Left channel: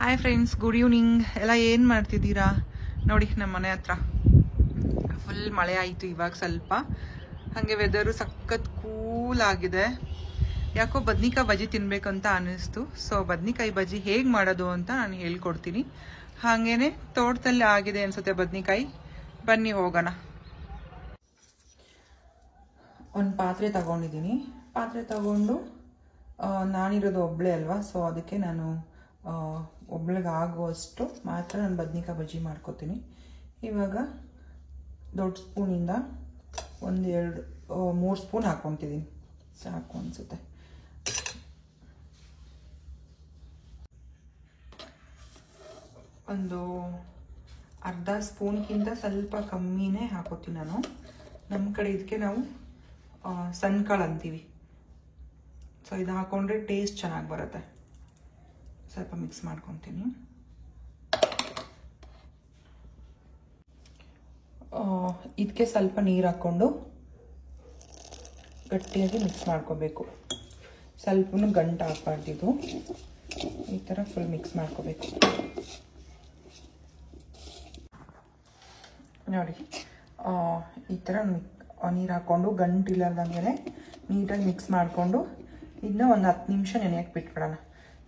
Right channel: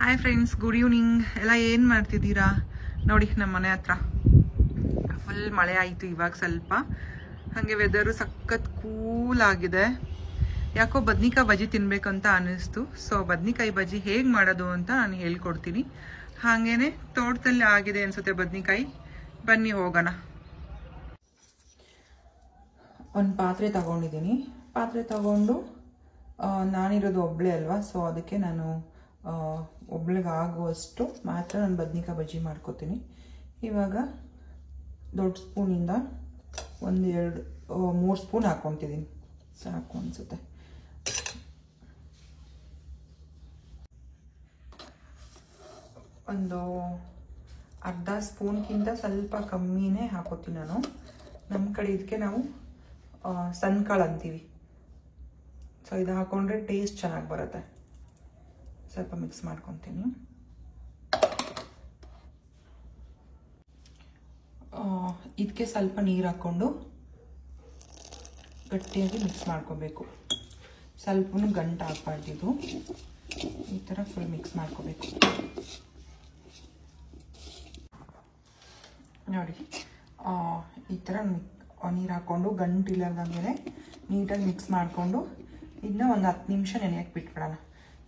Hi friends, good evening. ಎಲ್ಲ ಏನು ಮಾಡ್ತಿದ್ದೀರಾ? ನೋಡಿ, ನಮ್ಮ ಮನೆ ಹತ್ರ ಫುಲ್ ಮಳೆ ಆಯಿತು ಇವಾಗ ಸ್ವಲ್ಪ. ಹಾಗೆ ವೆದರು ಸಖತ್ ಕೂಲ್ ಆಗಿದೆ. ಯಾಕೋ ಬದ್ನಿಕಾಯಿ ಬಜ್ಜಿ ತಿನ್ಬೇಕಂತ ಅನ್ನಿಸ್ತು. ಸೊ ಬದ್ನಿಕಾಯಿ ಬಜ್ಜಿ ಹೇಗೆ ಮಾಡೋದು ಅಂತ ನಾನು ಹೇಳ್ಕೊಡ್ತೀನಿ. ಹಾಗೇನೆ ತೋಟದಲ್ಲಿ ಆಗಿದೆ ಅನ್ಸುತ್ತೆ ಬದ್ನಿಕಾಯಿ. ಬನ್ನಿ ಹೋಗೋಣ. ಒಂದು ಪಾತ್ರೆ ತಗೊಂಡಿದ್ದೀನಿ. ಪಾತ್ರೆ ತಗೊಂಡು ನಾನಿರೋದು ಒಬ್ಬಳೇ ಅಲ್ವಾ, ಸೊ ಅದಕ್ಕೆ ನಾನು ಒಬ್ಳಿಗೆ ಆಗುವಷ್ಟು ಮಾತ್ರ ನಾನು ಬದ್ನಿಕಾಯಿ ಬಜ್ಜಿ ಮಾಡ್ಕೋತೀನಿ. ಇವಾಗ ದೊಡ್ಡ ಸ್ಪೂನಿಂದ 1-2-3 ಸ್ಪೂನ್ ಹಾಕ್ಕೊತಿದ್ದೀನಿ. ಸಾಕು ಅನಿಸುತ್ತೆ. ಒಂದು ಅರ್ಧ ಸ್ಪೂನ್ಗಿಂತ ಸ್ವಲ್ಪ ಕಮ್ಮಿನೇ ಹಾಕೋತೀನಿ ನಾನು. ನಮ್ಮ ಕಡೆ ಇದಕ್ಕೆ ನಾವು ಸಣ್ಣ ಕಾಳು ಅಂತೀವಿ. ಸೊ ಇದು ಹಾಕೊಂಡ್ರೆ ಟೇಸ್ಟ್ ಚೆನ್ನಾಗಿ ಬರುತ್ತೆ. ಸ್ವಲ್ಪ ಮಿಕ್ಸ್ ಮಾಡ್ಕೊತೀನಿ. ಇದಕ್ಕೆ ಸ್ವಲ್ಪ ನೀರು ಹಾಕ್ಕೊಂಡು ಗಟ್ಟಿಯಾಗಿ ಮಿಕ್ಸ್ ಮಾಡ್ಕೋಬೇಕು. ಸ್ವಲ್ಪನೂ ಗಂಟು ಹಾಕ್ಬಾರ್ದಿದ್ದು. ಈ ಥರ ಫುಲ್ ಮಿಕ್ಸ್ ಮಾಡ್ಕೋಬೇಕು. ನೋಡಿ, ಈ ಥರ ನೀರು ಹಾಕ್ಕೊಂಡು ಗಂಟು ಇಲ್ಲದಂಗೆ ನೀಟಾಗಿ ಮಿಕ್ಸ್ ಮಾಡಿಕೊಂಡು ಇದನ್ನ ಒಂದು 10 ನಿಮಿಷ ನೆನೆಯಕ್ಕೆ ಬಿಟ್ಬಿಡೋಣ.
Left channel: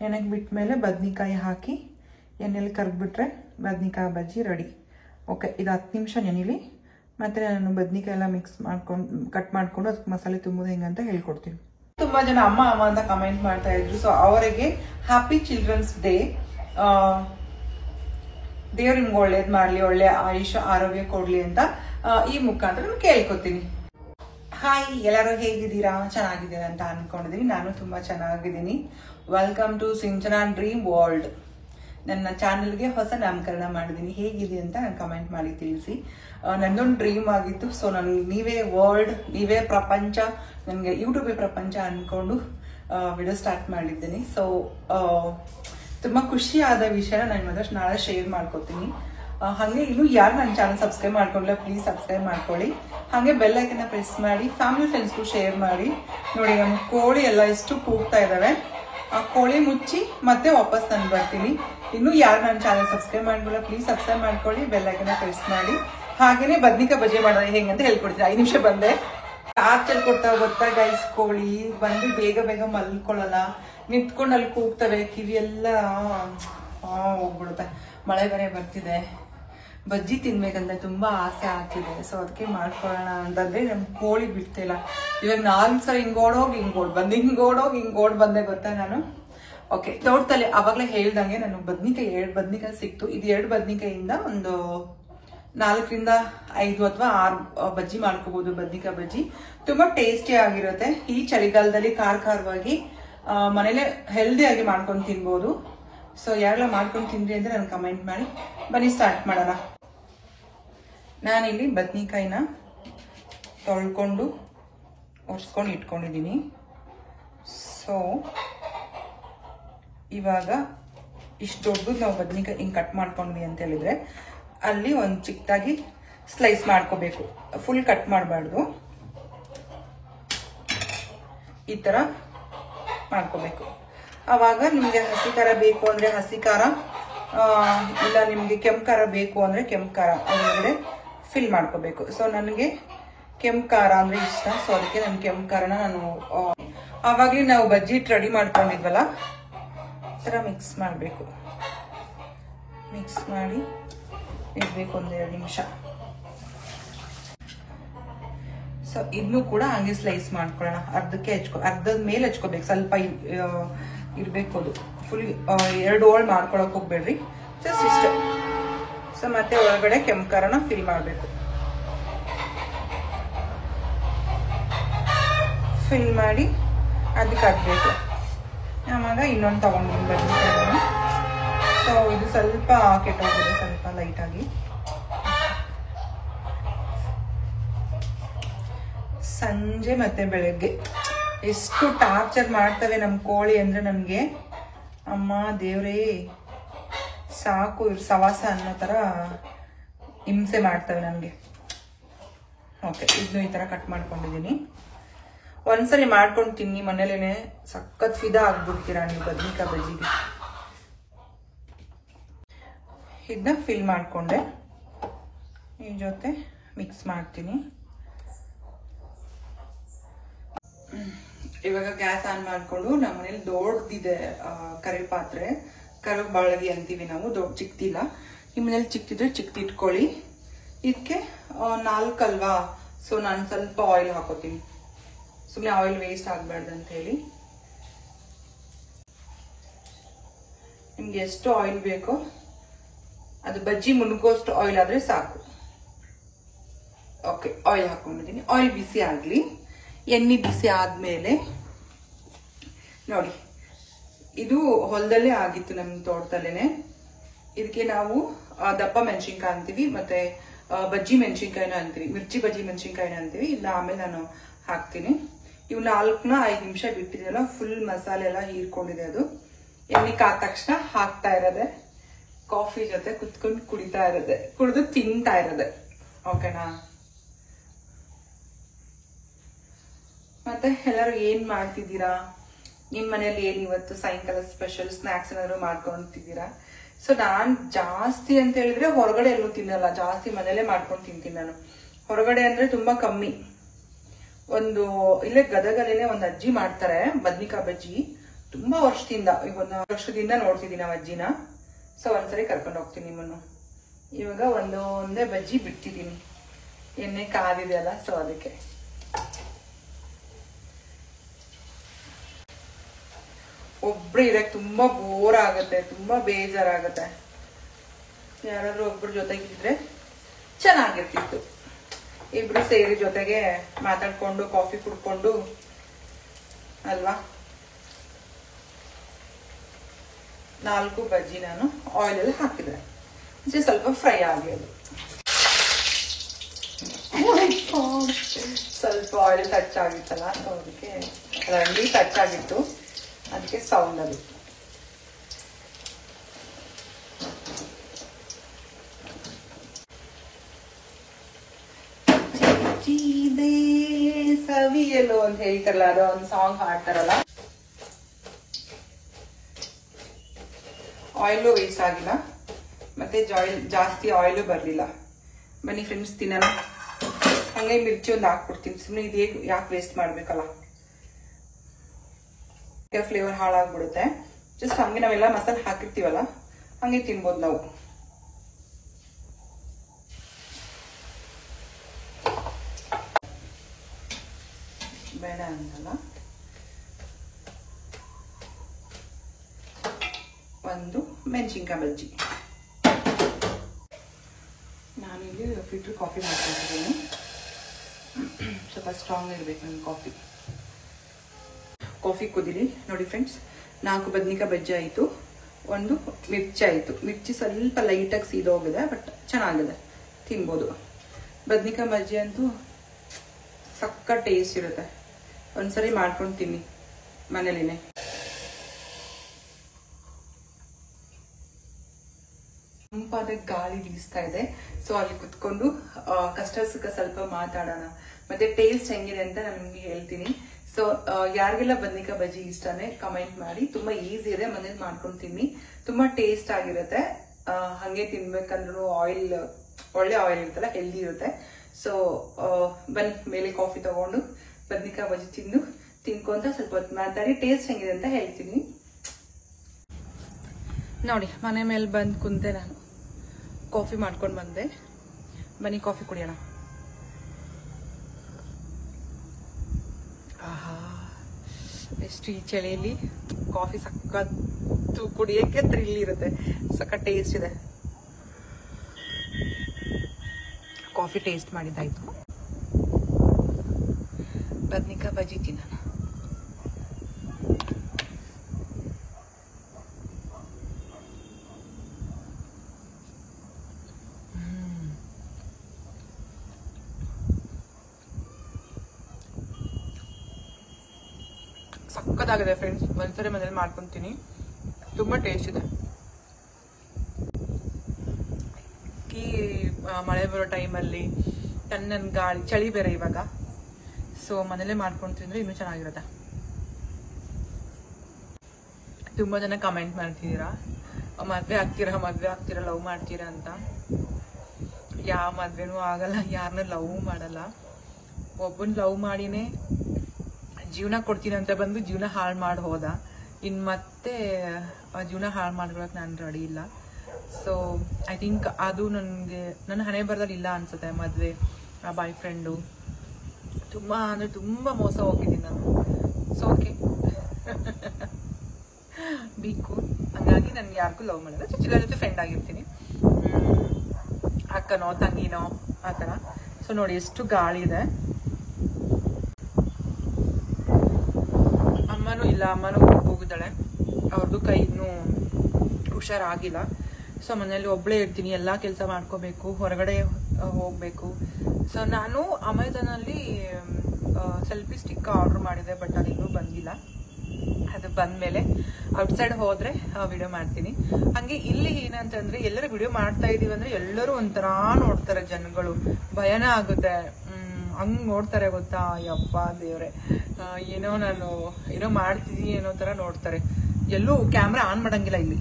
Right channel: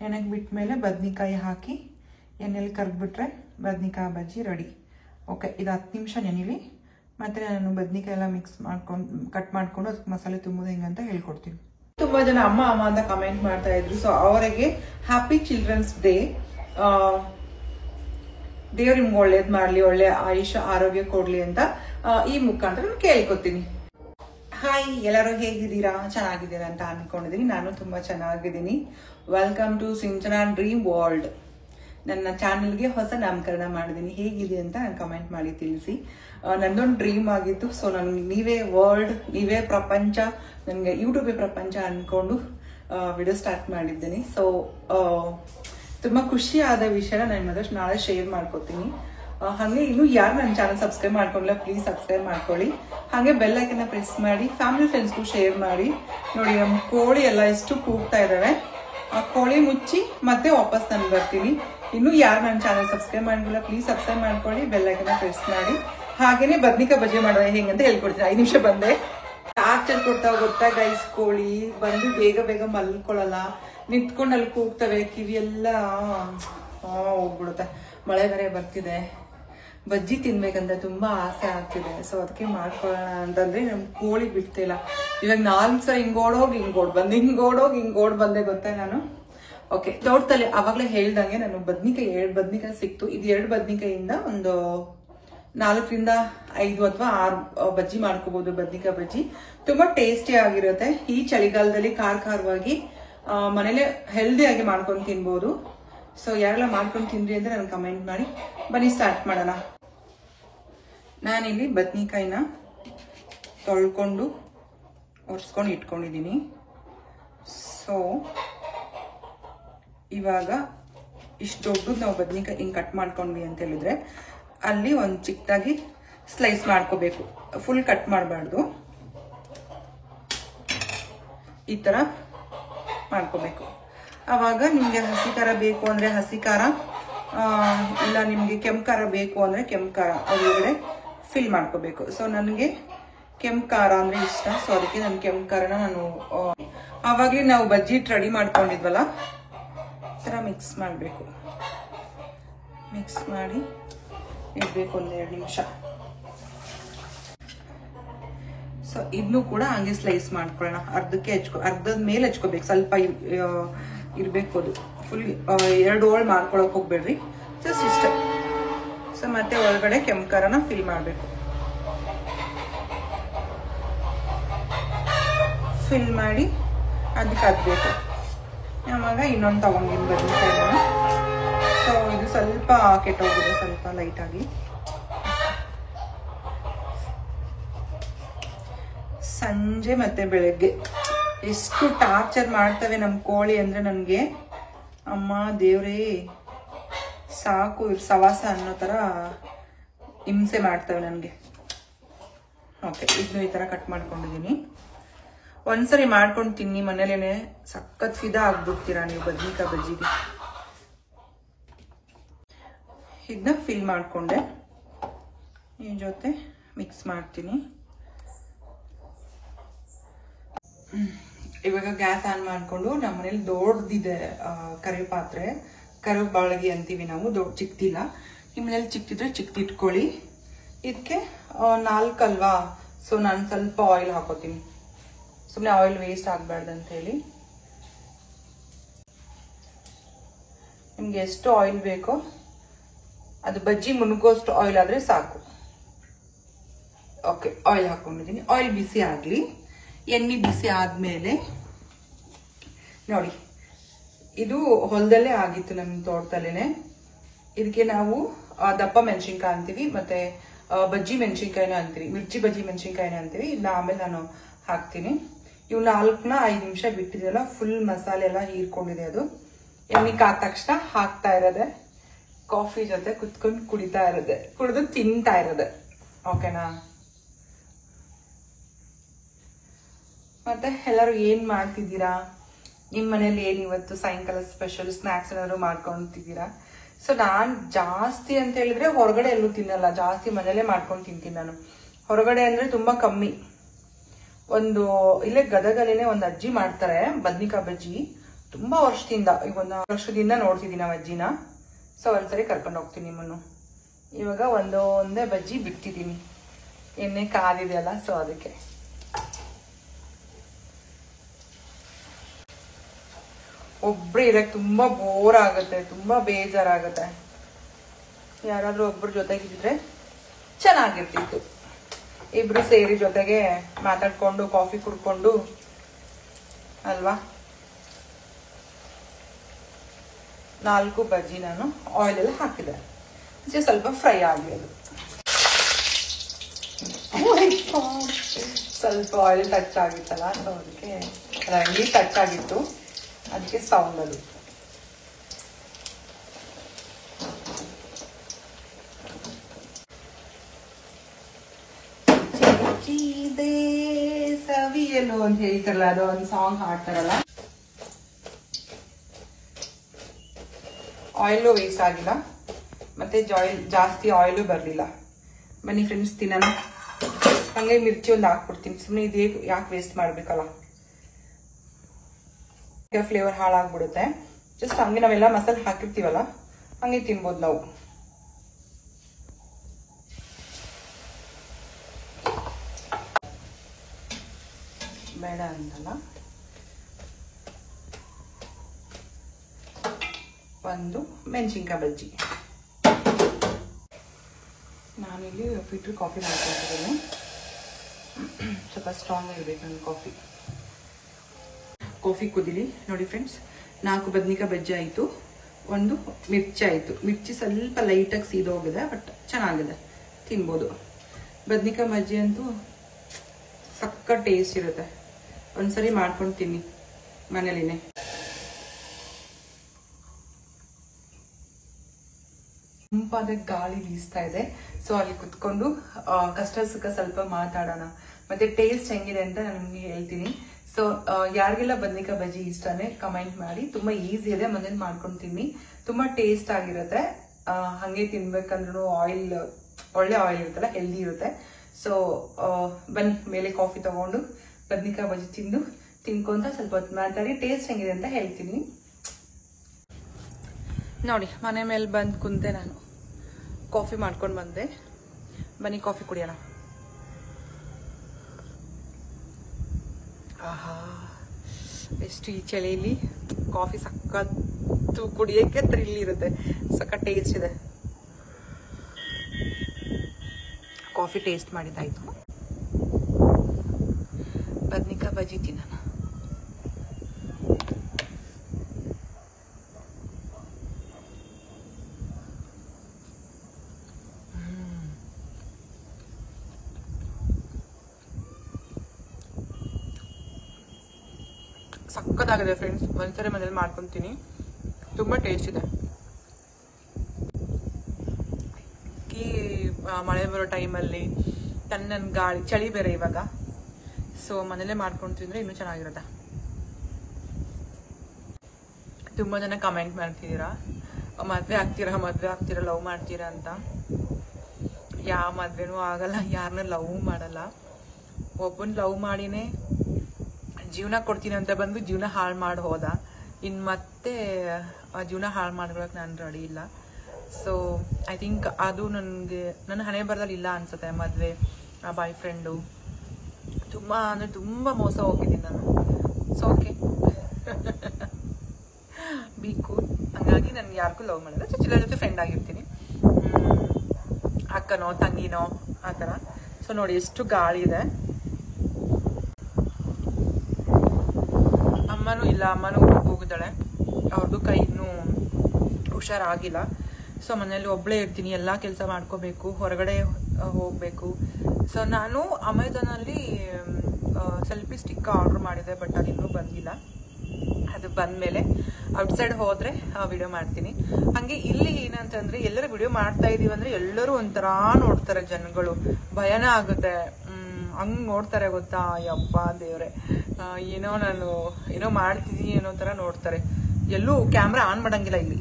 ನೆನೆಗೆ ಬಿಟ್ಟ ಮೇಲೆ ಬದ್ನಿಕಾಯಿ ಹಾಕಿ ಎಣ್ಣೆಲಿ ಕರೆದ್ಬಿಟ್ರೆ ಬದ್ನಿಕಾಯಿ ಬಜ್ಜಿ ರೆಡಿ. ಓಕೆ, ಇದು 10 ನಿಮಿಷ ನೆನೆಲಿ. ಮತ್ತು ನಾನು ಬದ್ನಿಕಾಯಿ ಎಲ್ಲ ಮಿಕ್ಸ್ ಮಾಡ್ಕೊಂಡು ಕಟ್ ಮಾಡಿಕೊಂಡು ಅದಕ್ಕೆ ಮಸಾಲೆ ತುಂಬೋದು ಹೆಂಗಂತ ಹೇಳ್ಕೊಡ್ತೀನಿ. ತುಂಬ ಜನ ಅಮ್ಮ ಅಮ್ಮ ಅಂತ ಕಮೆಂಟ್ ಮಾಡ್ತಾ ಇದ್ರು. ಸೊ ಅವರಿಗೆ ಹ್ಯಾಪಿ ಚಿಲ್ಡ್ರನ್ಸ್ ಡೇ. ದೇವ್ರು ನಿಮ್ಗೆ ಒಳ್ಳೇದು ಮಾಡಲಿ, ಒಳ್ಳೆ ಆಯುಷ್ಯ ಆರೋಗ್ಯ ಕೊಡಲಿ ಅಂತ ಈ ಮುಖಾಂತರ ನಾನು ಕೇಳ್ಕೊತೀನಿ. ಹಾಯ್, ಎಲ್ಲರೂ ಹೇಗಿದ್ದೀರಾ? ಚೆನ್ನಾಗಿದ್ದೀರಾ ಅಂತ ಅನ್ಕೊಂಡಿದ್ದೀನಿ. ನಾನು ತುಂಬ ಚೆನ್ನಾಗಿದ್ದೀನಿ. Welcome to Sinchana dream world. ನನ್ನ ಚಾನೆಲ್ಗೆ ಹೊಸ ನಾಮಕರಣ ಮಾಡಿದ್ದೀನಿ. ಹೇಗಿದೆ ಅಂತ ನಾನು ಕಮೆಂಟ್ ಮಾಡಿ ತಿಳಿಸಿ. ನನ್ನೊಂದು ಡ್ರೀಮ್ ಆಗಿತ್ತು. ಸೊ ನನಗೆ ನೀವೇ ವರ್ಲ್ಡ್, ನೀವೇ ಪ್ರಪಂಚ, ನನಗೆ ಯೂಟ್ಯೂಬೇ ಪ್ರಪಂಚ ಅಂದ್ಕೊಂಡು ವಿಡಿಯೋ ಸ್ಟಾರ್ಟ್ ಮಾಡಿದ್ದೀನಿ. ಸೊ ತುಂಬ ಖುಷಿಯಾದ ವಿಷಯನ ನಾನು ಮೊದಲು ನಾಳೆ ಶೇರ್ ಮಾಡ್ಕೊತೀನಿ. ಹಾಗೆ ಇನ್ನೂ ಯಾರು ನನ್ನ ಚಾನಲ್ ಸಬ್ಸ್ಕ್ರೈಬ್ ಮಾಡ್ಕೊಂಡಿಲ್ಲ, ಪ್ಲೀಸ್ ಸಬ್ಸ್ಕ್ರೈಬ್ ಮಾಡ್ಕೊಳ್ಳಿ. ಹಾಗೆ ಬೆಲ್ ಐಕನ್ನ ಪ್ರೆಸ್ ಮಾಡಿ ಫ್ಯಾಮಿಲಿ ಫ್ರೆಂಡ್ಸ್ಗೂ ಶೇರ್ ಮಾಡಿ. ನೋಡಿ, ನಮ್ಮ ಕೋಳಿ ಎಲ್ಲ ಎಷ್ಟು ಕೂಗ್ತಾ ಇದ್ದಾವೆ. ಆ ಕೋಳಿ ಮುಚ್ಚಿ ಮತ್ತೆ ವಾಪಸ್ ನಾನು ಬರ್ತೀನಿ. ಇನ್ನೂ ಯಾರು ನನ್ನ ಚಾನಲ್ ಸಬ್ಸ್ಕ್ರೈಬ್ ಮಾಡ್ಕೊಳ್ಳಲ್ಲ, ಪ್ಲೀಸ್ ಸಬ್ಸ್ಕ್ರೈಬ್ ಮಾಡ್ಕೊಳ್ಳಿ, ಬೆಲ್ ಐಕನ್ನ ಪ್ರೆಸ್ ಮಾಡಿ. ಹಾಗೇನೆ ಬದ್ನಿಕಾಯಿ ಬಜ್ಜಿ ಮಾಡೋದು ಹೆಂಗಂತ ಹೇಳ್ಕೊಡ್ತೀನಿ. 5 ನಿಮಿಷ ಬಂದೆ. ಟಾರ್ಚರ್ ಕೊಡ್ತಾ ಗೊತ್ತಾ ಗೈಸ್. ಕೋಳಿ ಬಂದು ಬೇಗ ಬೇಗ ಮಲ್ಕೊಳ್ಳಲ್ಲ, ನಿಂತ್ಕೊಂಡು ಅಲ್ಲಿ ಕೂಗ್ತವೆ, ಕಿವಿ ಎಲ್ಲ ಹೋಗ್ಬಿಡುತ್ತೆ. ಮಳೆ ಬೇರೆ ಬರ್ತಿದೆ, ಬಜ್ಜಿ ತಿನ್ಬೇಕಂತ ತುಂಬಾ ಆಸೆ ಆಗ್ತಿದೆ. ಸೊ ಅದಕ್ಕೆ ಮಾಡ್ಕೊಳ್ಳೋಣ ಅಂತಂದ್ರೆ ನಮ್ ಕೋಳಿ ಬಿಡ್ತಿಲ್ಲ. ಇವಾಗ 4 ಸಲ ಹಿಂಗೋಡೋಗಿ ಹಿಂಗೋಡ್ ಬಂದೆ, ಹಿಂಗೋಡೋಗಿ ಹಿಂಗೋಡ್ ಬಂದೆ ಗೊತ್ತಾ ನಾನು. ಓಕೆ, ತೋಟದಲ್ಲಿ ಅವಾಗಲೇ ಹೇಳ್ದಂಗೆ ನಾನು 2 ಬದ್ನಿಕಾಯಿ ಸಿಕ್ತು. ಇದು 2 ಬದ್ನಿಕಾಯಿಯಿಂದ ಒಂದು 4-5 ಅಥವಾ 6 ಬಜ್ಜಿ ಮಾಡ್ಕೋಬಹುದು. ಬದ್ನಿಕಾಯಿ ಬಜ್ಜಿ ತುಂಬಾ ಟೇಸ್ಟಿ ಆಗಿರುತ್ತೆ. ಈ ಚಳಿಗಾಲದಲ್ಲಿ ಖಾರವಾಗಿ ಮನೇಲೆ ಹೆಲ್ದಿಯಾಗಿ ಮಾಡ್ಕೊಂಡು ತಿನ್ಬೋದು. ಸೊ ಯಾರೆಲ್ಲ ಮಾಡ್ಕೊಂಡು ತಿಂದ್ರಿ ಅಂತ ನಾನು ಕಮೆಂಟ್ ಮಾಡಿ. ಬನ್ನಿ ಸ್ಟಾರ್ಟ್ ಮಾಡೋಣ. ನಾನಿಲ್ಲಿ ಬದ್ನಿಕಾಯಿನ ತೊಳ್ಕೊಂಡು ಒರೆಸ್ಕೊಂಡು ಇಟ್ಕೊಂಡಿದ್ದೀನಿ. ಸೊ ಇವಾಗ ಇಷ್ಟು ದೊಡ್ಡದು ನಾವು ಬದ್ನಿಕಾಯಿ ಹಿಂಗೆ ಕಟ್ ಮಾಡ್ಕೊಂಡ್ವಿ ಅಂತ ಹೇಳಿದ್ರೆ ಅಲ್ಲಿ ಒಂದು ಚಿಕ್ಕದಾಗಿ ಸ್ಲೈಸ್ ಮಾಡ್ಕೋಬೇಕು. ಫುಲ್ ಕಟ್ ಮಾಡಬಾರ್ದು, ಈ ಥರ ಮಾಡ್ಕೋಬೇಕು. ಆವಾಗ ನಿಮಗೆ ಹಸಿ ಖಾರ ಬೇಕು ಅಂದರೆ ಹಸಿ ಖಾರ, ಇಲ್ಲ ನಿಮಗೆ ಕೆಂಪು ಖಾರ ಬೇಕು ಅಂದರೆ ಕೆಂಪು ಖಾರ ಅದರೊಳಗಡೆ ಫಿಲ್ ಮಾಡ್ಕೋಬೇಕು. ಸೊ ನನಗೆ ಕೆಂಪು ಖಾರ ಅಂದರೆ ಇಷ್ಟ. ಸೊ ಅದಕ್ಕೆ ನಾನು ಕೆಂಪು ಖಾರನ ನಾನು ಆವಾಗಲೇ ನಾವು ಬಜ್ಜಿ ರೆಡಿ ಮಾಡ್ಕೊಂಡಿದ್ವಲ್ಲ, ಈ ಥರ ಮಿಕ್ಸ್ ಮಾಡಬೇಕು. ಮಿಕ್ಸ್ ಮಾಡಿ ಇಡಬೇಕು 1-2 ನಿಮಿಷ. ಸೊ ಇದನ್ನು ಕೂಡ ಹಂಗೆ ಸ್ಲೈಸ್ ಮಾಡ್ಕೊಳ್ಳೋಣ. ಅರ್ಧದ ಮೇಲೆ ಹಚ್ಕೋಬೇಕು. ಸ್ವಲ್ಪ ಇರಬೇಕು ಅದು. ಫುಲ್ 2 ಹೋಳು ಮಾಡ್ಕೊಳಕ್ ಹೋಗ್ಬೇಡ್ರಿ, ಜಸ್ಟ್ ಇಷ್ಟ. ಸೊ ಮತ್ತೆ ಒಳಗಡೆ ಕೆಂಪು ಖಾರನ ಫಿಲ್ ಮಾಡಬೇಕು. ಫಿಲ್ ಮಾಡಿ ಅದಕ್ಕೆ ಹತ್ಬೇಕು. ಆವಾಗ ಇನ್ನೊಂದು ತಗೊಂಡಿದ್ದೀನಿ ಬದ್ನಿಕಾಯಿನ. ಸೊ ಇದು ಸ್ವಲ್ಪ ಕೆಟ್ಟೋಗಿದೆ, ಸ್ವಲ್ಪ ಲೈಟಾಗಿ. ಸಂಜೆ ಮತ್ತೆ ಬೆಳಗ್ಗೆ ಎಷ್ಟು ಟಾರ್ಚರ್ ಮಾಡ್ತವೆ ನಮ್ಮ ಕೋಳಿ ಅಂದ್ರೆ ನನಗೆ ಅಮ್ಮ ದೇವ್ರೇ ಸಾಕು, ಇವ್ರ ಸವಾಸ ಅನ್ನೋ ಥರ ಹಿಂಸೆ ಮಾಡ್ತವೆ ನನಗೆ. ಓಕೆ, ಇದನ್ನು ಈ ಥರ ಕಟ್ ಮಾಡ್ಕೊಂಡಿದ್ದೀನಿ. ಒಂದ್ಸರಿ ಮಾಡ್ಕೊಂಡು ತಿನ್ನಿ, ಮನೇಲೇನೆ ಸಖತ್ ಫಿದಾ ಆಗ್ಬಿಡ್ತೀರಾ ನೀವು ಬದ್ನಿಕಾಯಿ ಬಜ್ಜಿಗೆ. ಇದನ್ನ ಫಿಲ್ ಮಾಡಿಕೊಂಡೆ. ಈ ಜೊತೆ ಮಿಕ್ಸ್ ಮಾಡ್ತೀನಿ. ಇವಾಗ ಗ್ಯಾಸ್ ಆನ್ ಮಾಡಿಕೊಂಡು ನಮ್ಮ ಮನೇಲಿ ದೊಡ್ಡದಿದೆ ಕರಿ ಪಾತ್ರೆ, ಕರು ಬಾಳಗಿ ಅಂತೀವಿ ನಾವು, ದೊಡ್ಡ ಚಿಕ್ಕದಿಲ್ಲ. ನಿಮ್ಮ ಮನೇಲಿ ಚಿಕ್ಕದಿದ್ರೆ ಚಿಕ್ಕದಿಟ್ಕೊಳ್ಳಿ. ಇದಕ್ಕೆ 4 ಅಲ್ವಾ, ಸೊ ನಾನು ಸ್ವಲ್ಪ ಆಯಿಲ್ ಹಾಕೋತೀನಿ. ಸುಮ್ಮನೆ ಆಯಿಲ್ ವೇಸ್ಟ್ ಆಗಬಾರ್ದು ಅಂತ ಹೇಳಿ. ನಿಮ್ಗೆ ಎಷ್ಟು ಆಯಿಲ್ ಬೇಕೋ, ಅದು ಬಜ್ಜಿ ಮುನ್ಗೋಷ್ಟು ಆಯಿಲ್ ಆದ್ರೆ ಸಾಕು. ಓಕೆ, ಆಯಿಲ್ ಹಾಕೊಂಡಿದ್ದೀನಿ. ಆಯಿಲ್ ಬಿಸಿ ಆಗ್ಲಿ. ಎಣ್ಣೆ ಬಿಸಿ ಆದ್ಮೇಲೆ ನೋಡಿ, ಇದು ಹೊಲದಲ್ಲೇ ಆಗಿತ್ತು, ನಮ್ಮ ತೋಟದಲ್ಲೇನೆ. ಇದಕ್ಕೆ ನಾವು ದಪ್ಪ ಮೆಣಸಿನ್ಕಾಯಿ ಅಂತೀವಿ, ಮತ್ತೆ ಬಜ್ಜಿ ಮೆಣಸಿನ್ಕಾಯಿನ ಅಂತೀವಿ, ಮಿರ್ಚಿ ಬಜ್ಜಿ ಮೆಣಸಿನ್ಕಾಯಿನ ಅಂತೀವಿ. ಇದನ್ನ ಆಮೇಲೆ ನಾನು ಹಾಕ್ತೀನಿ. ಇವು 4-5 ನಿಮಿಷ ಬಿಟ್ಟಿದೆಯಲ್ಲ, ಫುಲ್ ಮಸಾಲೆ ಎಲ್ಲ ಹೀರ್ಕೊಂಡಿದೆ. ಅದು ಎಣ್ಣೆ ಕಾದ ತಕ್ಷಣ ಹಾಕ್ತಾ ಇರೋದೆ, ಕಾಫಿ ಜೊತೆ ಕುತ್ಕೊಂಡು ಕುಡಿತಾ ಇರೋದೆ, ಕುಡಿದು ತಿಂತಾ ಇರೋದೆ. ಓಕೆನಾ? ಮತ್ತೆ ಎಲ್ಲರೂ ಏನ್ ಮಾಡ್ತಿದ್ದೀರಾ? ನಿಮ್ ಮನೇಲಿ ಏನ್ ಇವತ್ತು ಸಾಯಂಕಾಲ ಸ್ಪೆಷಲ್ ಸ್ನಾಕ್ಸ್ ಏನಾದ್ರು ಮಾಡ್ಕೊಂತಿದ್ದೀರಾ? ಸೊ ನಾನ್ ಜಾಸ್ತಿ ಅಂತ ಹೇಳಿದ್ರೆ ಹೊರಗಡೆ ಎಲ್ಲೂ ತಿನ್ನಲ್ಲ, ಜಾಸ್ತಿ ಮನೇಲೆ ಮಾಡ್ಕೊಂಡು ತಿಂತೀನಿ ನಾನು. ಹೊರಗಡೆ ಅಂದ್ರೆ ತುಂಬಾ ಕಮ್ಮಿ. ಒಂದು ಇಲ್ಲೇ ಗದಗಲೇನೆ ಒಂದು ಅಜ್ಜಿ ಮಾಡ್ತಾರೆ ಬದ್ನಿಕಾಯಿ ಬಜ್ಜಿ, ತುಂಬಾ ವರ್ಷದಿಂದ, ಈಗ 1 ವರ್ಷದಿಂದ ನೋಡ್ತಿದ್ದೀನಿ ಆ ಅಜ್ಜಿನ. ಸೊ ಒಂದ್ಸರಿ ಕರ್ಕೊಂಡು ಹೋಗ್ತೀನಿ ನಿಮ್ಮನ್ನು. ಇವಾಗ ಒಂದೇ ಬಜ್ಜಿ ಬಿಟ್ಟಿದ್ದೀನಿ, ಎಣ್ಣೆ ಕಾದಿದೆಯಲ್ಲ, ಸೊ ಅದಕ್ಕೆ. ಒಬ್ರು ಇದಕ್ಕೆ ತುಂಬಾ ಬೋರ್ ಆಗುತ್ತೆ, ತುಂಬಾ ಬೇಜಾರಾಗುತ್ತೆ. ಯಾರಾದ್ರೂ ಒಬ್ರು ಜೊತೆಗಿದ್ರೆ ಚೆನ್ನಾಗಿರ್ತಿತ್ತು. ಇಬ್ರು ಸೇರಿ ಜೊತೆಗೆ ಮಾತಾಡ್ಕೊಂಡು ಕಾಫಿ ಕುಡ್ಕೊಂಡು ಅಲ್ವಾ. 4 ಬಜ್ಜಿ ನಾನು ಆಯಿಲ್ ಎಲ್ಲ ಹಾಕಿದೆ, ಸ್ವಲ್ಪ ಫ್ರೈ ಆಗಿ ಅದು ಸ್ವಲ್ಪ ಆಯಿಲ್ ಟಚ್ ಆಗಿತ್ತಲ್ಲ, ಸೊ ಅದಕ್ಕೆ ರಂಡಿ ಟಚ್ ಆಗಿತ್ತು, ಅದಕ್ಕೆ ಸೌಂಡ್ ಅದು. ಸವಿಯಲು ಅಂತ ಹೇಳ್ತಾರಲ್ಲ, ಅದು ಒಂದು ಸಾಂಗ್ ಹಾಡ್ತಾರಲ್ಲ. ಆಯಿಲು ವೇಸ್ಟ್ ಆಗಿಲ್ಲ, ಮತ್ತೆ ಜಾಸ್ತಿ ಆಯಿಲು ಬರ್ಲಿಲ್ಲ. ಬನ್ನಿ ಫ್ರೆಂಡ್ಸ್ ತಿನ್ನೋಣ. ಹಂಗೆ ಮಿರ್ಚಿ ಒಂದು ಹಾಕ್ಬಿಡ್ತೀನಿ, ಸುಮ್ಮನೆ ಇದೇ ಯಾಕೆ ವೇಸ್ಟ್ ಮಾಡ್ಬೇಕಲ್ಲ, ಫ್ಲೇವರ್ ಹಾಳಾಗ್ಬಿಡುತ್ತೆ. ಜಸ್ಟ್ ಹಂಗೆ ನಾವೆಲ್ಲ ಮಸಾಲೆ ಹಾಕಿರ್ತೀವಲ್ಲ, ಹಂಗೆ ತಿನ್ಬೋದು ನಾವು. ಬೇಡ ಅನ್ನಲ್ಲ. ಒಂದು ಮೆಣಸಿನ್ಕಾಯಿ ಬಜ್ಜಿ. ನಾನಿಲ್ಲಿ ಫಿಲ್ಟರ್ ಕಾಫಿ ಮಾಡ್ತಿದ್ದೀನಿ, ಸ್ವಲ್ಪ ಸ್ಟ್ರಾಂಗ್ ಇರಬೇಕು ನನ್ನ ಕಾಫಿ. ಕಾಫಿ ಕುದಿಲಿ. ನೋಡಿ ಫ್ರೆಂಡ್ಸ್, 4 ಬದ್ನಿಕಾಯಿ ಬಜ್ಜಿ ಆಯಿತು, 1 ಮಿರ್ಚಿ ಆಯಿತು. ಮಿರ್ಚಿ ಸ್ವಲ್ಪ ಲೈಟಾಗಿ ಸೀದೋಗಿದೆ, ಬಟ್ ಚೆನ್ನಾಗಿದೆ, ತಿನ್ಬೋದು. ಬದ್ನಿಕಾಯಿ ಬಜ್ಜಿ ಅಂತೂ ಸಕ್ಕ ಟೇಸ್ಟ್ ಇರುತ್ತೆ. ಒಂದ್ಸರಿ ಮಾಡ್ಕೊಂಡು ತಿನ್ನಿ ಮನೇಲಿನೇ. ತಂಪಾದ ಗಾಳಿ ಬೀಸ್ತಾ ಇದೆ, ಸೊ ಅಲ್ಲಿ ಕುತ್ಕೊಂಡು ಕಷ್ಟ ಸುಖ ಸ್ವಲ್ಪ ಮಾತಾಡೋಣ, ಮತ್ತೆ ಟೇಸ್ಟ್ ಹೆಂಗಿದೆ ಅಂತ ನಾನು ನಿಮ್ಗೆ ಹೇಳ್ತೀನಿ. ಸೊ ಯಾರಿಗೆಲ್ಲ ಬದ್ನಿಕಾಯಿ ಬಜ್ಜಿ ಇಷ್ಟನೇ ಕಮೆಂಟ್ ಮಾಡಿ. ತುಂಬಾ ಈಸಿ ಇದೆ, ಮನೇಲಿ ಮಾಡ್ಕೊಂಡು ತಿನ್ನಿ, ತುಂಬಾ ಟೇಸ್ಟ್ ಆಗಿರುತ್ತೆ. ಹಂಗೆ ತಿನ್ಬೇಕಂದ್ರೂ ಆಯಿಲ್, ಒಳ್ಳೆ ಆಯಿಲ್ ಇರುತ್ತಲ್ಲ, ಹೆಲ್ದಿ ಇರುತ್ತೆ. ಸೊ ಬನ್ನಿ, ಮೇಲೆ ಕಾಫಿ ತಗೊಂಡು ಬದ್ನಿಕಾಯಿ ಬಜ್ಜಿ ತಿನ್ಕೊಂತ ಸ್ವಲ್ಪ ಹೊತ್ತು ಮಾತಾಡಿ ಟೇಸ್ಟ್ ಹೆಂಗಿದೆ ಅಂತ ಹೇಳ್ತೀನಿ. ನೋಡಿ, ಮನೆ ಮೇಲೆ ಬಂದು ಕುಂತೆ, ನಾನು ಕಾಫಿ ಮಾಡ್ಕೊಂಡು ಬಂದೆ. ಬನ್ನಿ ಕಾಫಿ ಕುಡಿಯೋಣ. ಆಹಾ, ಎಷ್ಟು ಈ ಚಳಿಯಲ್ಲಿ ಕಾಫಿ ಸಖತ್ತು ಕುಡಿಯೋಕ್ಕೆ ಥ್ರಿಲ್ ಇರುತ್ತೆ, ಸಖತ್ ಟೇಸ್ಟ್ ಇದೆ. ಕಾಫಿ ಟೇಸ್ಟ್ ಮಾಡಿದ್ದಾಯ್ತು, ಬದ್ನಿಕಾಯಿ ಬಜ್ಜಿ ತಿನ್ನೋಣ. ಸಕ್ಕತ್ತಾಗಿದೆ ಫ್ರೆಂಡ್ಸ್, ಒಂದ್ಸರಿ ಮನೇಲಿ ಮಾಡ್ಕೊಂತೀನಿ, ತುಂಬಾ ಟೇಸ್ಟ್ ಇದೆ. ಮಳೆ ಬರೋ ಟೈಮಲ್ಲಿ ತನ್ನ ಗಾಳಿ, ಚಳಿ ಬೇರೆ ಇವಾಗ, ಸೊ ಮನೇಲೆ ಮಾಡ್ಕೊಂಡು ತಿಂದ್ರೆ ಇನ್ನೂ ಚೆನ್ನಾಗಿರುತ್ತೆ. ತುಂಬಾ ಜನ ಕಮೆಂಟ್ ಮಾಡ್ತಿದ್ದೀರಾ, ಮದ್ವೆ ಆಗ್ತೀರಾ ಲವ್ ಮಾಡ್ತೀರಾ ಅಂತ. ಯಾವ ಮದ್ವೆನೂ ಆಗಲ್ಲ, ಯಾರನ್ನ ಲವ್ ಮಾಡಲ್ಲ. ಒಬ್ಬನ್ ಲವ್ ಮಾಡಿನೇ ಜೀವನ ಕೊಡ್ತೀನಿ ಅಂತ ಬಂದು ಜೀವನ ಹಾಳು ಮಾಡಿ ಹೋದ. ಇನ್ನು ಮತ್ತೆ ಜೀವನ ಹಾಳು ಮಾಡ್ಕೊಳಕ್ ನಾನು ರೆಡಿ ಇಲ್ಲ. ಸೊ ಐ ಥಿಂಕ್ ಅದು ನನಗೆ ನನ್ನ ಹಣೆ ಬರದಲ್ಲಿ ಇಲ್ಲ ಅನ್ಸುತ್ತೆ. ಮದುವೆ, ಬಾಯ್ ಫ್ರೆಂಡು ತುಂಬ ಅಂದರೆ ತುಂಬ ಮೋಸ ಹೋಗಿದ್ದೀನಿ ನಾನು. So okay B cool. ಹಂಗಾಗಿ ನನಗೆ ಯಾರಿಗೂ ಲವ್ ಮಾಡಲ್ಲ, ಚಿಲ್ಲರ ಜೊತೆ ಫ್ರೆಂಡ್ ಆಗಿರ್ತೀನಿ, ಅಕ್ಕನೋ ತಂಗಿನೋ ಆ ಥರ. ಸೊ ನೋಡಿ ಎಷ್ಟು ಗಾಳಿ ಇದೆ. ಅಮ್ಮನೂ ಹೋಗಿದ್ದಾಳೆ, ಅವ್ರದ್ದು ಕೈ ಇನ್ನೂ ಹುಷಾರಾಗಿಲ್ಲ. ಸೊ ಮನೇಲಿ ಒಬ್ಬಳೇ ಇರ್ತೀನಿ, ಎಲ್ಲ ಕೆಲಸ ಮಾಡ್ಕೋಬೇಕು, ಹೊರಗಡೆ ಹೋಗಬೇಕು. ಸೊ ನಾನು ಅಮೆಝಾನಲ್ಲಿ ಸೆಲ್ಫಿ ಸ್ಟಿಕ್ ಆರ್ಡರ್ ಮಾಡಿದೆ, ಬಟ್ ಅದು ಇನ್ನೂ ಬಂದಿಲ್ಲ. ಅದು ಬಂದಮೇಲೆ ಔಟ್ಸೈಡ್ ಹೋದರೆ ವಿಡಿಯೋ ಮಾಡ್ತೀನಿ. ಹಾಗೆ ಇಲ್ಲಿ ಏನಂತಂದರೆ ಎಲ್ಲರೂ ವಿಡಿಯೋ ಮಾಡ್ತಾ ಇದ್ದೀವಿ ಅಂದರೆ ಎಲ್ಲರೂ ಒಂಥರ ನೋಡ್ತಾರೆ ಜನಗಳು, ಭಯನೇ ಆಗುತ್ತೆ. ಹಂಗೆ ನೋಡ್ತಾರೆ ಗೊತ್ತಾ, ಯಪ್ಪ ದೇವ್ರೆ, ನಾನು ಏನೋ ಮಾಡ್ತಿದ್ದೀನಿ ಏನೋ ಥರ ನೋಡ್ತಾರೆ. ಎಲ್ಲೂ ಕ್ಯಾಮ್ರಾ ಆನ್ ಮಾಡಂಗಿಲ್ಲ ಇಲ್ಲಿ.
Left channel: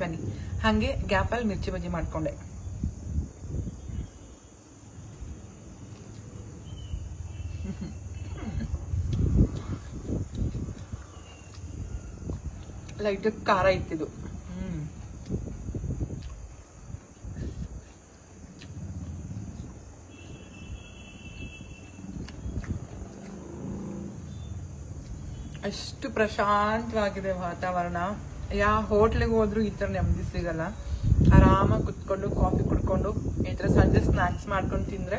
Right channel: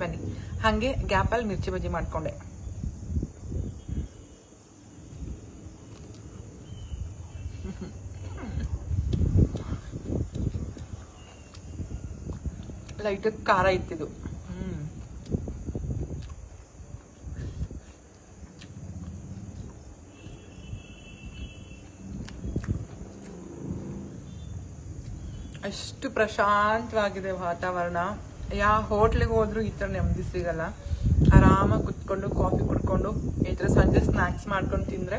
ಬನ್ನಿ, ಹಾಗೆ ಗ್ಯಾಪಲ್ಲಿ ಮಿರ್ಚಿ ಬಜ್ಜಿ ಮಾಡ್ಕೊಂಡೆ. ಲೈಟ್ ಖಾರ ಇತ್ತಿದ್ದು. ಅಷ್ಟು ಪ್ರಶಾಂತವಾಗಿದೆ ವಾತಾವರಣ. ಯಾವ ಹೋಟ್ಲಿಗೆ ಹೋದ್ರು ಈ ಥರ ನೆಮ್ಮದಿ ಸಿಗಲ್ಲ. ಆರಾಮಾಗಿ ಕುತ್ಕೊಂಡು ಕಾಫಿ ಕುಡ್ಕೊಂಡು ಈ ಥರ ಸಂಜೆ ಸ್ನ್ಯಾಕ್ಸ್ ಮಾಡ್ಕೊಂಡು ತಿಂದರೆ,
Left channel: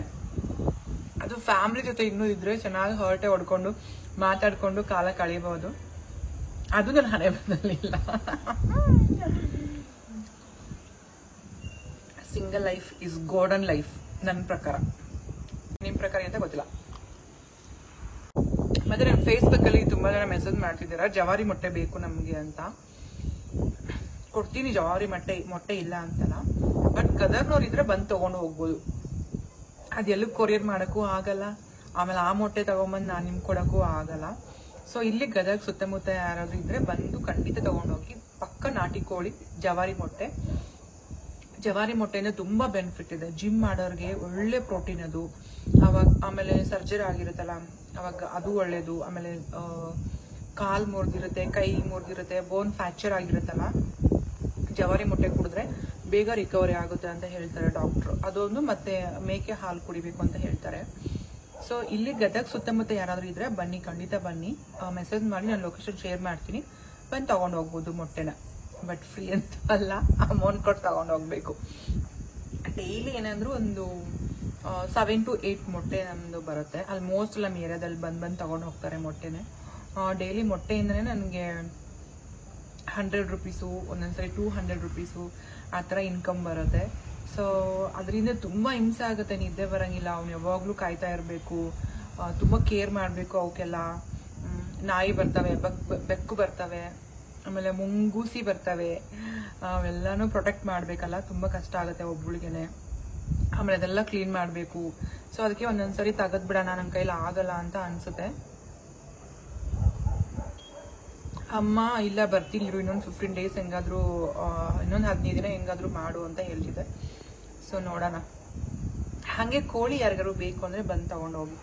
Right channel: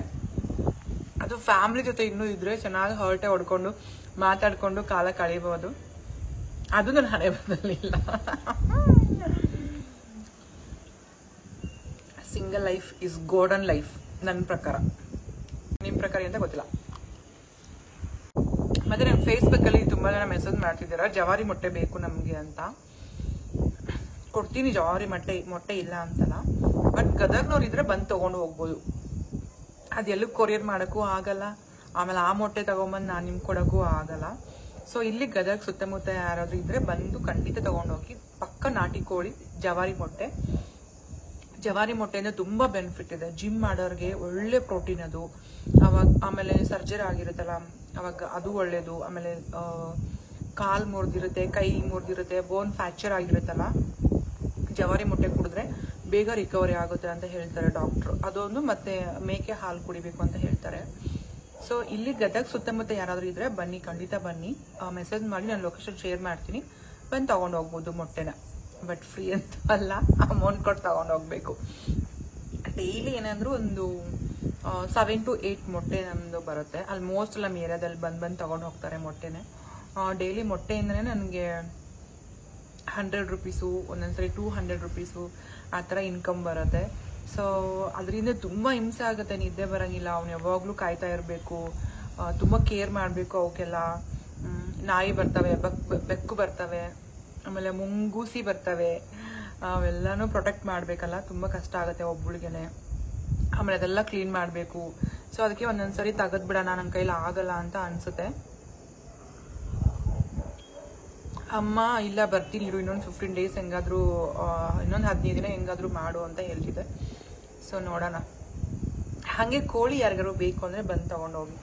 ಅದು ಫ್ಯಾಮಿಲಿ ಜೊತೆ ಇನ್ನೂ ಇದ್ರೆ ಚೆನ್ನಾಗಿ ಹೊರಟೆ ಹೊಡ್ಕೊಂಡು ಮಾತಾಡ್ಕೊಂಡು ಕಾಲ ಕಳೀಬಹುದು. ಅದು ನನ್ನ ಹಣೆ ಬರಲಿಲ್ಲ. Single life is golden life ನನ್ನ ಪ್ರಕಾರ. ನಿಮ್ಮ ಪ್ರಕಾರ ಅಂತ ಗೊತ್ತಿಲ್ಲ. ಮತ್ತೆ ನಂಗೆ ಫೇಸ್ಬುಕ್ಕಲ್ಲಿ ತುಂಬಾ ಜನ ಮೆಸೇಜ್ ಮಾಡ್ತಿದ್ದೀರಾ, ಜವಾರಿ ಮೊಟ್ಟೆ ಬೇಕು ನಮಗೆ ಅಂತ. ಕೊಡ್ತೀನಿ ಜವಾರಿ ಮೊಟ್ಟೆ ಇಲ್ಲ ಅಂತಲ್ಲ, ಬಟ್ ಗದಗ್ನವ್ರು ಇದ್ರೆ ಬಂದು ತೊಗೊಂಡು ಹೋಗ್ಬೋದು. ಅದೆಲ್ಲೂ ಕೊರಿಯರ್ ಮಾಡೋಕ್ಕೂ ಆಗಲ್ಲ, ಆಮೇಲೆ ಆ ಮೊಟ್ಟೆ ತಗೊಂಬಂದು ನಾನು ನಿಮ್ಗೆ ಕೊಡೋಕ್ಕೂ ಆಗಲ್ಲ. ಸೊ ಇಲ್ಲಿ ಗದಗ್ ಸುತ್ತಮುತ್ತ ಯಾರಾದ್ರೂ ಇದ್ರೆ ಬಂದು ಖಂಡಿತ ತೊಗೊಂಡೋಗಿ. ಪಕ್ಕ ನಾಟಿ ಕೋಳಿ ಜವಾರಿ ಮೊಟ್ಟೆಯಿಂದ ತುಂಬ ಬೆನಿಫಿಟ್ ಇದೆ. ಜಿಮ್ ಮಾಡೋರಿಗೆ ಒಳ್ಳೆ ಪ್ರೋಟೀನ್ ಅದು. ಅವಾಗ ಆಮೇಲೆ ಸರ್ಜರಿ ಆಗಿರುತ್ತಲ್ಲ ಅವಾಗ ಅದು ಒಳ್ಳೇದು. ಆಮೇಲೆ ಕಾಲು ಮುರಿದಿರುತ್ತೆ, ಕೈ ಮುರಿದಿರುತ್ತೆ, ಬೋನ್ ಫ್ರ್ಯಾಕ್ಚರ್ ಆಗಿರುತ್ತಲ್ಲ, ಜವಾರಿ ಮೊಟ್ಟೆ ಕುಡಿದ್ರೆ ಬೇಗ ರಿಕವರಿ ಆಗುತ್ತೆ ಅಂತ ಹೇಳ್ತಾರೆ ಡಾಕ್ಟ್ರು. ಅದೊಂದು. ಮತ್ತೆ ಮೇಕೆ ಹಾಲು ಕುಡಿಬೇಕು ಅಂತ ಹೇಳ್ತಾರೆ. ಸೊ ಇಲ್ಲಿ ಗದಗ್ ಸುತ್ತಮುತ್ತ ಯಾರಾದ್ರೂ ಇದ್ರೆ ಬನ್ನಿ, ಖಂಡಿತ ಬನ್ನಿ. ಮೆಸೇಜ್ ಮಾಡಿ ನಾನು ಲೊಕೇಶನ್ ಶೇರ್ ಮಾಡ್ತೀನಿ, ಬಂದು ತಗೊಂಡು ಹೋಗ್ಬೋದು ಮೊಟ್ಟೆನ. ಬಟ್ ಫ್ರೀ ಅಂತ ಅಲ್ಲ, ಅಮೌಂಟ್ ಕೊಟ್ಟು ತಗೊಂಡು ಹೋಗ್ಬೇಕು. ಡೈಲಿ ಏನಂದ್ರೂ ಒಂದು 7 to 8 ಮೊಟ್ಟೆ ನಮ್ಮದು ಬರುತ್ತೆ. ಆಲ್ಮೋಸ್ಟ್ ನಮ್ಮ ಏರಿಯಾದಲ್ಲಿ ಬಂದು ತಗೊಂಡು ಹೋಗ್ತಾರೆ ಮೊಟ್ಟೆನೆ. ಡೈಲಿ ಮೊಟ್ಟೆಯಿಂದನೇ ನನಗೆ 100 ರೂಪೀಸು, ಒಂದೊಂದ್ಸರಿ 200 ರೂಪೀಸು ಆ ಥರ ಇನ್ಕಮ್ ಬರುತ್ತೆ. ಸೊ ಅದರಿಂದ ತುಂಬ ಹಿಂಸೆ ಆಗುತ್ತೆ, ನಿದ್ದೆ ಬರೋಂಗಿಲ್ಲ. ಅವ್ನು ಯಾವಾಗಲೂ ಕಾಯ್ತಾ ಇರಬೇಕು, ತುಂಬ ಕೇರ್ ಮಾಡಬೇಕು. ಅವಕ್ಕೆಲ್ಲ ನಾಯಿ ಬರ್ತವೆ, ಬೆಕ್ಕು ಬರ್ತವೆ, ಆಮೇಲೆ ಮುಂಗೂಸಿ ಬರ್ತವೆ, ಅವೆಲ್ಲನೂ ಪ್ರೊಟೆಕ್ಟ್ ಮಾಡಬೇಕಲ್ಲ, ತುಂಬ ಕಷ್ಟ ಆಗುತ್ತೆ ಒಬ್ಬಳಿಗೆನೆ. ಆಮೇಲೆ ಅದೆಲ್ಲ ಕ್ಲೀನ್ ಮಾಡಬೇಕು. ಸೊ ಅದಕ್ಕೆ ಒಂದೊಂದ್ಸರಿ ತೆಗೆದ್ಬಿಡೋಣ, ನನ್ನ ಕೈಲಿ ಆಗಲ್ಲ ಅಂತ ಅನ್ಸುತ್ತೆ. ಅಮ್ಮ ಇಲ್ಲ ಬರ್ತೀನಿ ಇರು, ಇನ್ನೊಂದು 15 days ಹೆಂಗಾದ್ರೂ, ಇನ್ನೊಂದು 15 ದಿನ ಹೆಂಗಾದ್ರೂ ಮಾಡು ಅಂತ ಹೇಳ್ತಿದ್ದೆ. ಸೊ ನೋಡೋಣ. ಹಾಗೆ ಕೋಳಿ ಯಾರಿಗಾರು ಬೇಕು ಅಂದರೆ ಬಂದು ತಗೊಂಡೋಗಿ.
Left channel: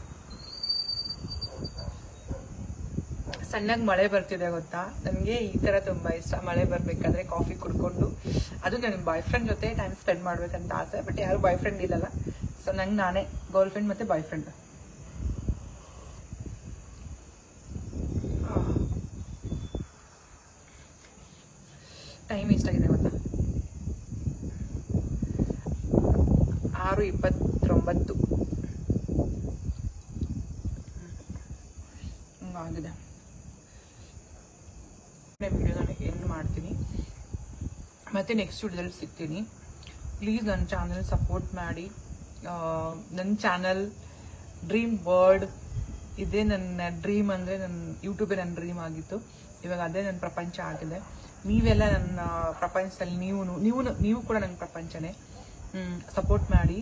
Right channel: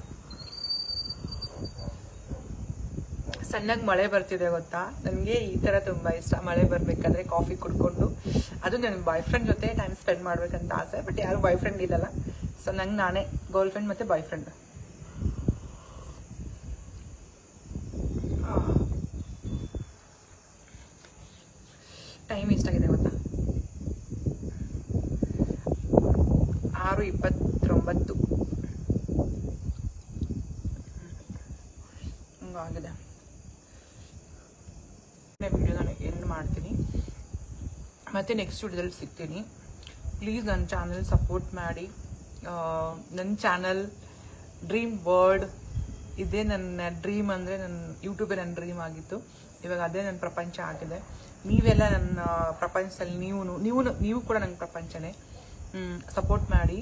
ಸಣ್ಣಗೆ ಮಳೆ ಬರ್ತಿದೆ ಗೊತ್ತಾ, ನನಗೆ ಈ ಥರ ತುಂಬ ಇಷ್ಟ. ಮಳೆ ಬರಬೇಕಾದ್ರೆ ಕಾಫಿ ಕುಡ್ಕೊಂಡು, ಅದು ನನಗೆ ಬಾಯ್ ಫ್ರೆಂಡ್ ಜೊತೆ ಟೈಮ್ ಸ್ಪೆಂಡ್ ಮಾಡ್ಬೇಕಂತ ಆಸೆ. ಬಟ್ ಯಾರು ಬಾಯ್ ಫ್ರೆಂಡ್ ಇಲ್ಲಲ್ಲ. ಸೊ ನಂಗೆ ನಾನೇ ಗರ್ಲ್ ಫ್ರೆಂಡ್ ಮತ್ತು ಬಾಯ್ ಫ್ರೆಂಡ್. ಟೈಮ್ ಎಷ್ಟಾಗಿದೆ ಗೊತ್ತಾ, 6:29 ಆಗಿದೆ. ವಿಡಿಯೋನ ಎಂಡ್ ಮಾಡ್ತೀನಿ, ಮತ್ತೆ ನೆಕ್ಸ್ಟ್ ವಿಡಿಯೋದಲ್ಲಿ ಸಿಗ್ತೀನಿ. ಪ್ಲೀಸ್ ನನ್ನ ಚಾನಲ್ ಸಪೋರ್ಟ್ ಮಾಡಿ. ನನ್ನ ಚಾನಲ್ ಡ್ರೀಮ್ ವರ್ಲ್ಡ್, ಇದೇ ನನ್ನ ಡ್ರೀಮ್. ಅಂದರೆ ನನ್ನ ಯೂಟ್ಯೂಬೇ ನನ್ನ ಡ್ರೀಮ್ ಆಗಿತ್ತು, ಇವಾಗ ಅದೇ ನನ್ನ ಪ್ರಪಂಚ ಆಗಿದೆ. ನೀವೆಲ್ಲ ನನ್ನ ಪ್ರಪಂಚದಲ್ಲಿ ನೀವು ಕೂಡ ನನ್ನ ಪ್ರಪಂಚನೇ. ಸಪೋರ್ಟ್ ಮಾಡಿ.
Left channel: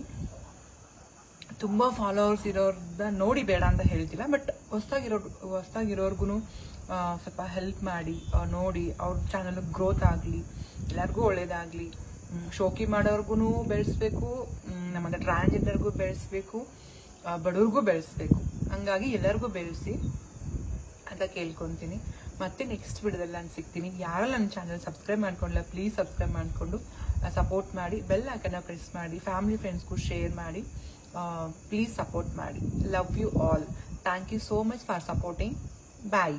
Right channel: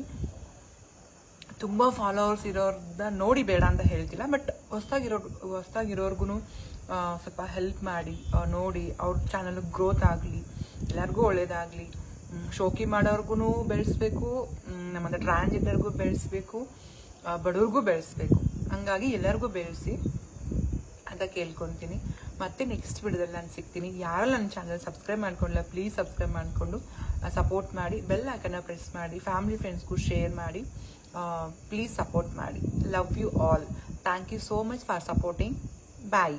ತುಂಬ ಫಾಲೋವರ್ಸ್ ಇರೋರ್ನ ನೋಡಿ ಬೇಡ ಅಂತ ಹೇಳ್ತಿಲ್ಲ, ಬಟ್ ಹೊಸ್ದಾಗಿರೋರ್ಗು ಸ್ವಲ್ಪ ಹೆಲ್ಪ್ ಮಾಡಿ, ನೋಡಿ ಅವ್ರ ಚಾನಲ್ ಗ್ರೋತ್ ಆಗಲಿ, ಎಲ್ಲರಿಗೂ ಒಳ್ಳೇದಾಗಲಿ. ಶೋಕಿ ಮಾಡೋರ್ಗು ಬೆಳೆಸ್ಬೇಕು, ನಮ್ಮನ್ನ ಟ್ರಾನ್ಸ್ಜೆಂಡರ್ಗೂ ಬೆಳೆಸ್ಬೇಕು, ಬಡವ್ರಿಗೂ ಬೆಳೆಸ್ಬೇಕು. ಹಂಗಾಗಿ ಎಲ್ಲರಿಗೂ ಬೆಳೆಸಿ ಅಂತ ಕೇಳ್ಕೊತೀನಿ. ಮತ್ತೆ ನೆಕ್ಸ್ಟ್ ವಿಡಿಯೋದಲ್ಲಿ ನಾನು ಸಿಗ್ತೀನಿ. ಯಾರು ನನ್ನ ಚಾನಲ್ ಸಬ್ಸ್ಕ್ರೈಬ್ ಮಾಡ್ಕೊಂಡಿಲ್ಲ ಪ್ಲೀಸ್ ಸಬ್ಸ್ಕ್ರೈಬ್ ಮಾಡಿಕೊಂಡು ಸಪೋರ್ಟ್ ಮಾಡಿ, ಬೆಲ್ ಐಕನ್ನ ಪ್ರೆಸ್ ಮಾಡಿ, ಫ್ಯಾಮಿಲಿ ಫ್ರೆಂಡ್ಸ್ಗೂ ಶೇರ್ ಮಾಡಿ, ಪ್ಲೀಸ್ ಸಪೋರ್ಟ್ ಮಾಡಿ. Love you all. Thank you so much for supporting. Bye.